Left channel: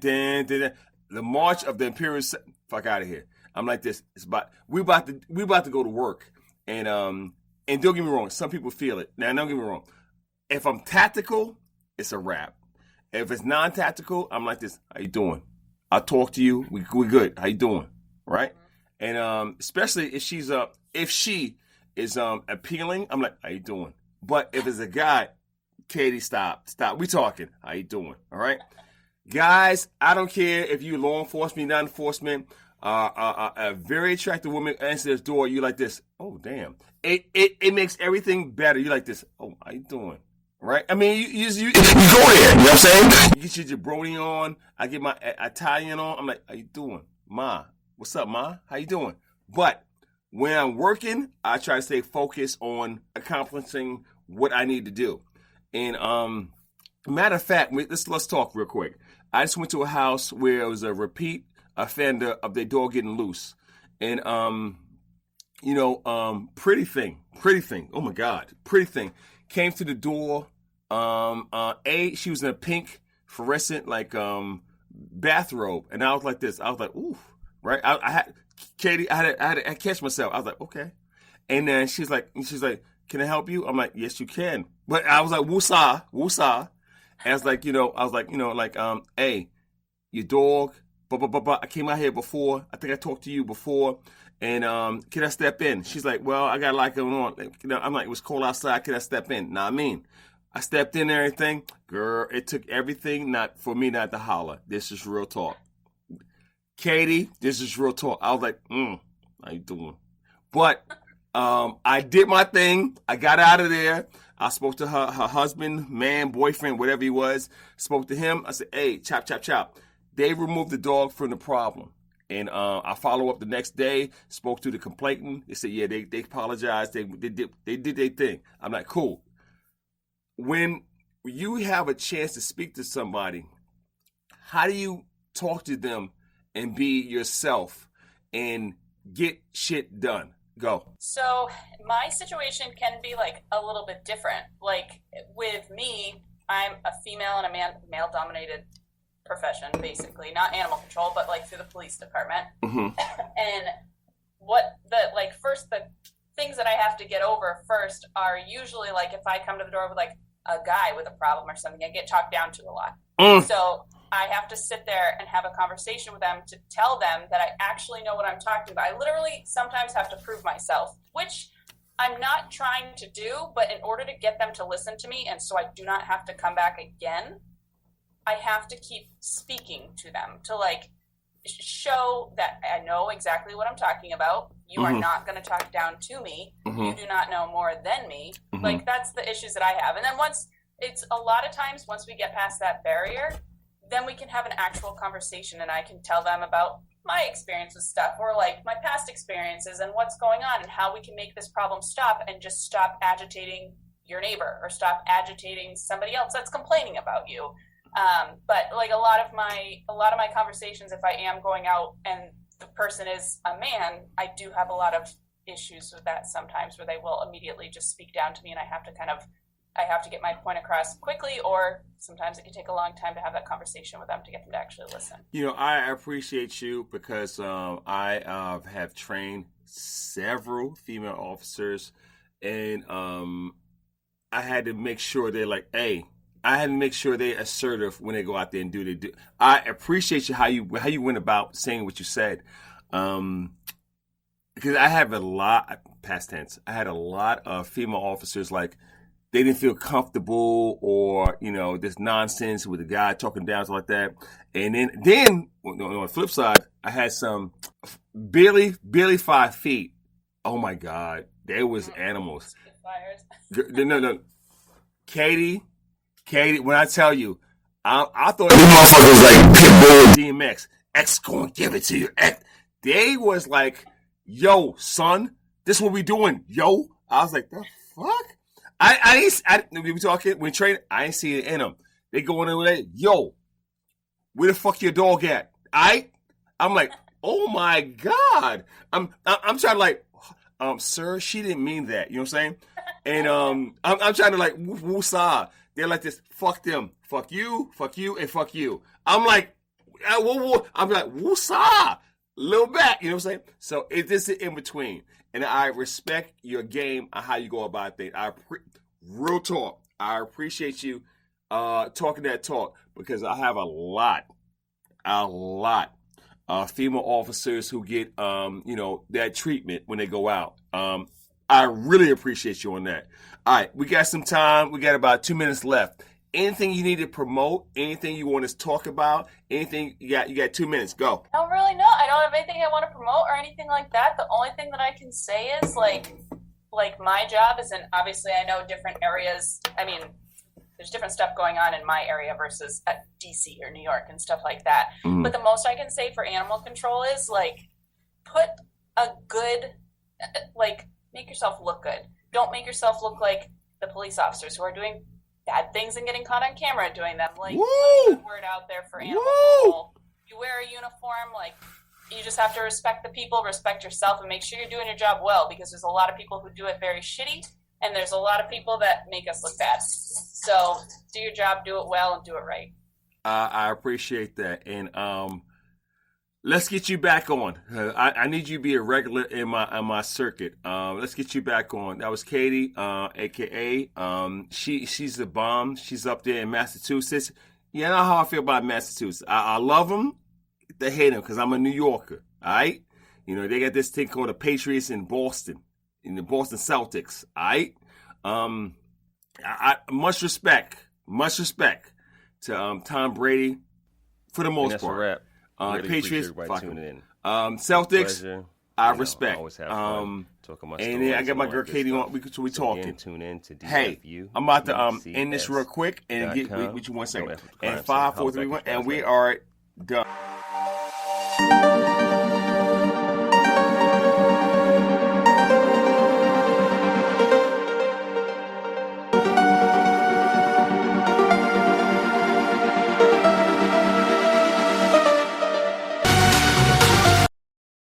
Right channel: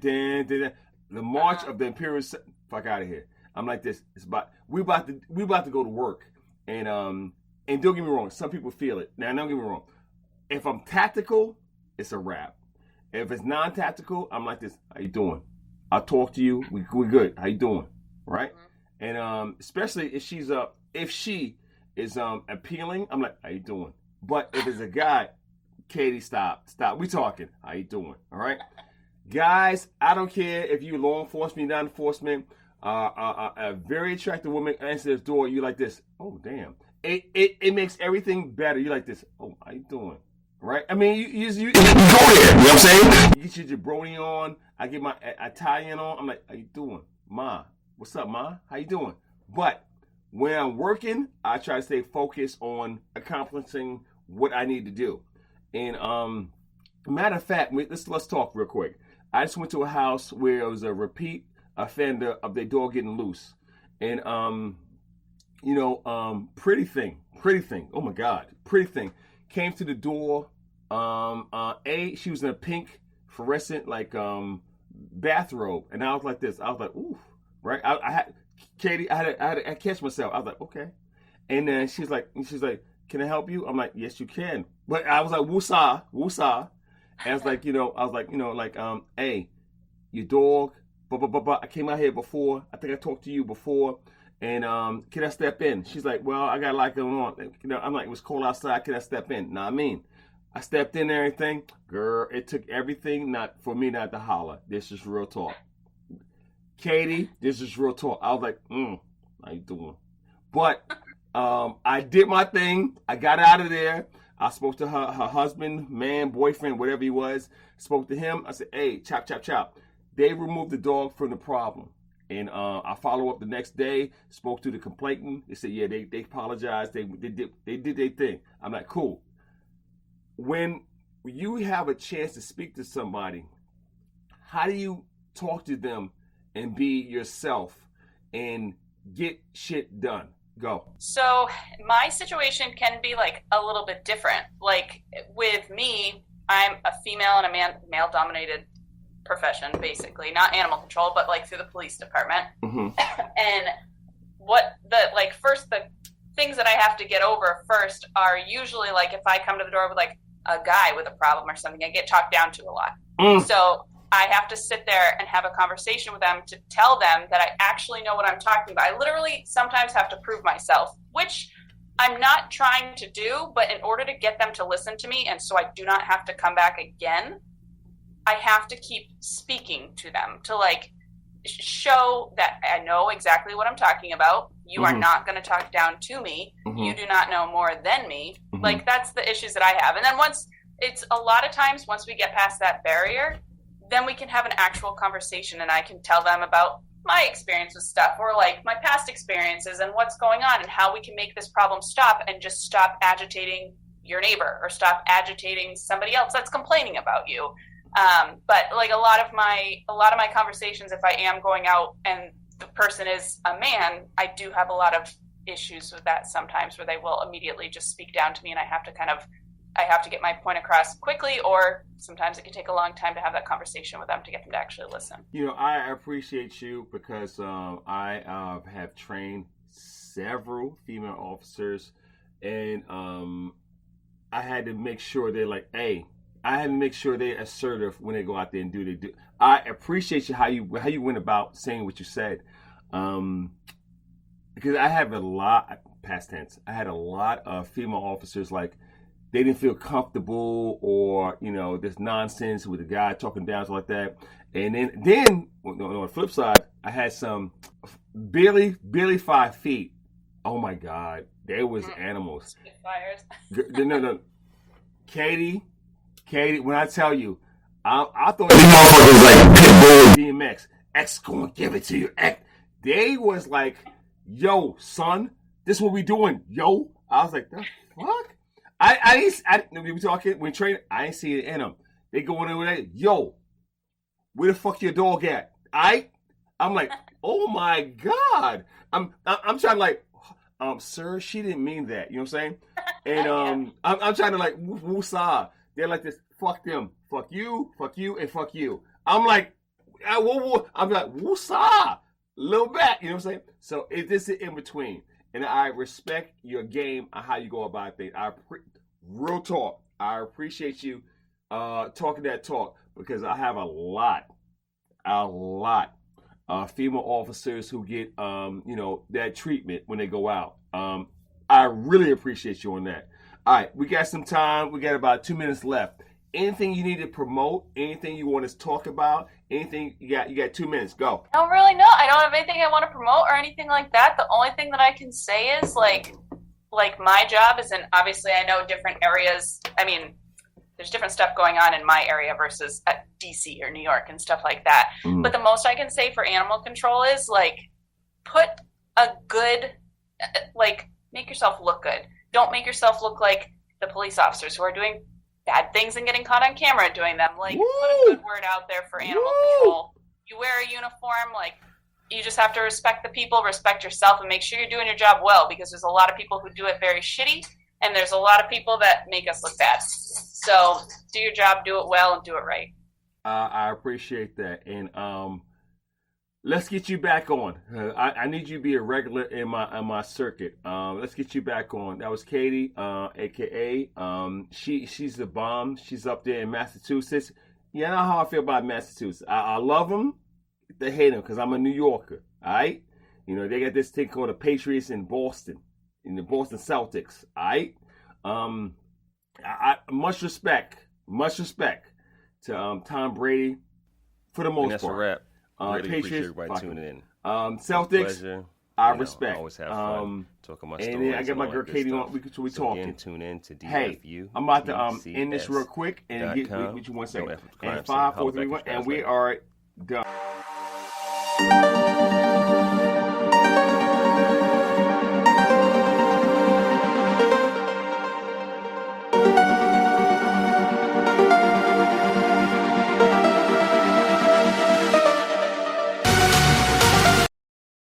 The march of the Imperial. Fuck out of here. I'm like this. It's about we about to go to work, and don't get me wrong. Some people feel it. Now, don't get me wrong. If I'm tactical, it's a wrap. If it's non-tactical, I'm like this. How you doing? I'll talk to you. We good. How you doing? Right? And especially if she is appealing, I'm like, how you doing? But if it's a guy, Katie, stop. We talking. How you doing? All right? Guys, I don't care if you law enforcement, non-enforcement, a very attractive woman answers this door, you like this. Oh, damn. It makes everything better. You like this. Oh, how you doing? Right? I mean, you go there. You know what I'm saying? You get your jabroni on. I get my Italian on. I'm like, how you doing? Ma. What's up, Ma? How you doing? But when I'm working, I try to stay focused on accomplishing what I need to do. And matter of fact, let's talk real quick. I just went to a house where it was a repeat offender of their dog getting loose. And, pretty thing. Oh, my God. Pretty thing. Came to the door. She was in a pink fluorescent, bathrobe. And I was like this. I was like, ooh. Right? I had to catch myself. I was like, okay. And then she's like, can I help you? I'm like, yes, you can. But I was like, woosah. And I was like, hey, your dog, blah, blah, blah, blah. I came out here before. I think I talked to you before. And can I step in? She's like, well, I got a lot going on. I'm like, it was cold outside. Can I step in? Nah, I stepped in and everything. Girl, it took everything not for me not to holler. This is real talk. Katie, this is real talk. I was like, how you doing? But I did my thing. I got out of there. I spoke to her husband, man, boyfriend, whatever he was. Spoke to him. I said, hey, chop, chop, chop. They removed the dog from the problem. And I follow up the next day, spoke to the complainant. They said, yeah, they apologized. They did their thing. I'm like, cool. When you have a chance to speak to somebody, how do you talk to them and be yourself and get shit done? Go. So my situation can be a little bit different. With me, I'm a female in a male-dominated profession, basically. Not animal control, but through the police department. Mm-hmm. And what the things that I have to get over first are usually if I come to the door with a guy with a problem or something, I get talked down to a lot. So I have to sit there and have a conversation with them to tell them that I actually know what I'm talking about. I literally sometimes have to prove myself, which I'm not trying to do, but in order to get them to listen to me, and so I do not have to come back again, I have to keep speaking to them to show that I know exactly what I'm talking about. You are not going to talk down to me. You do not know more than me. That's the issues that I have. And then once we get past that barrier, then we can have an actual conversation and I can tell them about my experience with stuff or my past experiences and what's going on and how we can make this problem stop and just stop agitating your neighbor or stop agitating somebody else that's complaining about you. But a lot of my conversations, if I am going out and the person is a man, I do have a lot of issues with that sometimes where they will immediately just speak down to me and I have to get my point across quickly, or sometimes it can take a long time to have that conversation with them to get them to actually listen. I appreciate you because I have trained several female officers, and I had to make sure they're I had to make sure they're assertive when they go out there and do. I appreciate you how you went about saying what you said, because I have a lot past tense. I had a lot of female officers they didn't feel comfortable, or this nonsense with a guy talking down like that. And then on the flip side, I had some barely 5 feet. Oh my God, they was animals. No, Katie. When I tell you, I thought these motherfuckers Pitbull, DMX, X gonna give it to you. X. They was yo, son, this what we doing, yo. I was like, the fuck. We talking when training. I ain't see it in them. They going over there. Yo, where the fuck your dog at? I'm like, oh my God. I'm trying to sir, she didn't mean that. You know what I'm saying? And I'm trying to woosah. They're like this. Fuck them. Fuck you. And fuck you. I'm like, I'm like, woosah, little back. You know what I'm saying? So it's just in between. And I respect your game and how you go about things. Real talk. I appreciate you talking that talk because I have a lot female officers who get that treatment when they go out. I really appreciate you on that. All right, we got some time. We got about 2 minutes left. Anything you need to promote? Anything you want us to talk about? Anything you got 2 minutes. Go. I don't really know. I don't have anything I want to promote or anything like that. The only thing that I can say is like my job is in, obviously I know different areas. I mean, there's different stuff going on in my area versus at DC or New York and stuff like that. Mm. But the most I can say for animal control is put a good, make yourself look good. Don't make yourself look like the police officers who are doing bad things and getting caught on camera doing them. Put a good word out there for animal control. You wear a uniform, you just have to respect the people, respect yourself, and make sure you're doing your job well, because there's a lot of people who do it very shitty, and there's a lot of people that make us look bad. So do your job, do it well, and do it right. I appreciate that. And let's get you back on. I need you to be a regular in my circuit. Let's get you back on. That was Katie, a.k.a. She's the bomb. She's up there in Massachusetts. You know how I feel about Massachusetts. I love them. They hate them because I'm a New Yorker. All right? They got this thing called the Patriots in Boston, in the Boston Celtics. All right? Much respect to Tom Brady for the most part. That's a wrap. Really Patriots, appreciate everybody tuning in. Celtics, I respect. Always have fun talking my stories. And I got my girl Katie on. We talking. Again, tune in to DFU. Hey, I'm about to end this real quick and get what you want to say. And 5, 4, 3, 1, and we are done.